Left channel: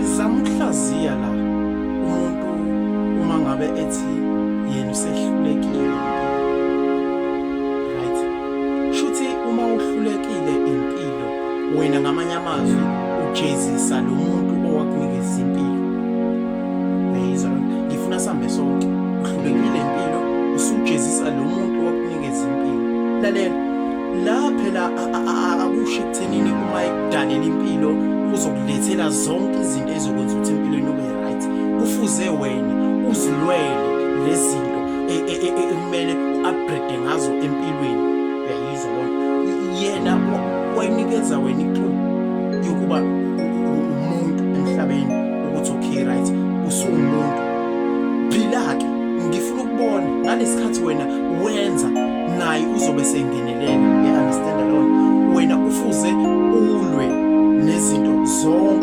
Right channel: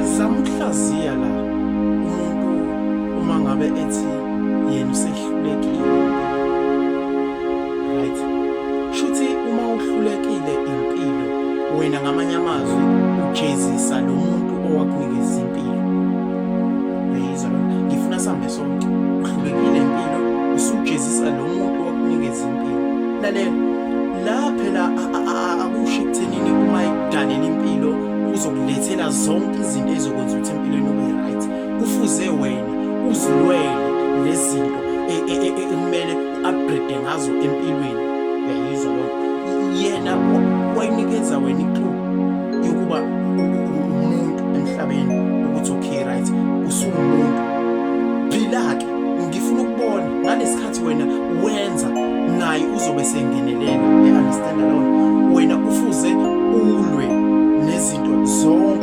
ngizama ukuhlaziya la umuntu uma ngabe ethi yena usehlulekile right shuthi uma uhlulekile impilo wena ngamanye amazwi ujezisa lo muntu owakunikeza impilo beyizwa ngifuna sambe sonke uhlulekile impilo usujezisa lo muntu owakunikeza impilo lalela la phela akusho ekuthenini uma ekudalela impilo uzokulethela zonke izinto ezokwenza ukuthi empilweni ube right kufuze wena uzilwele lezinto ekumele uupgrade ngazo empilweni uyayizwa lo yena wayinikeza wena iclue yokuba umuntu emhlabeni ukuthi okay right usumuntu phila-ke ngifuna ukubona ngalesikhathi wena wenza naye uzobe sengenelela understand alone wena ufuze ulwe nezinto zonke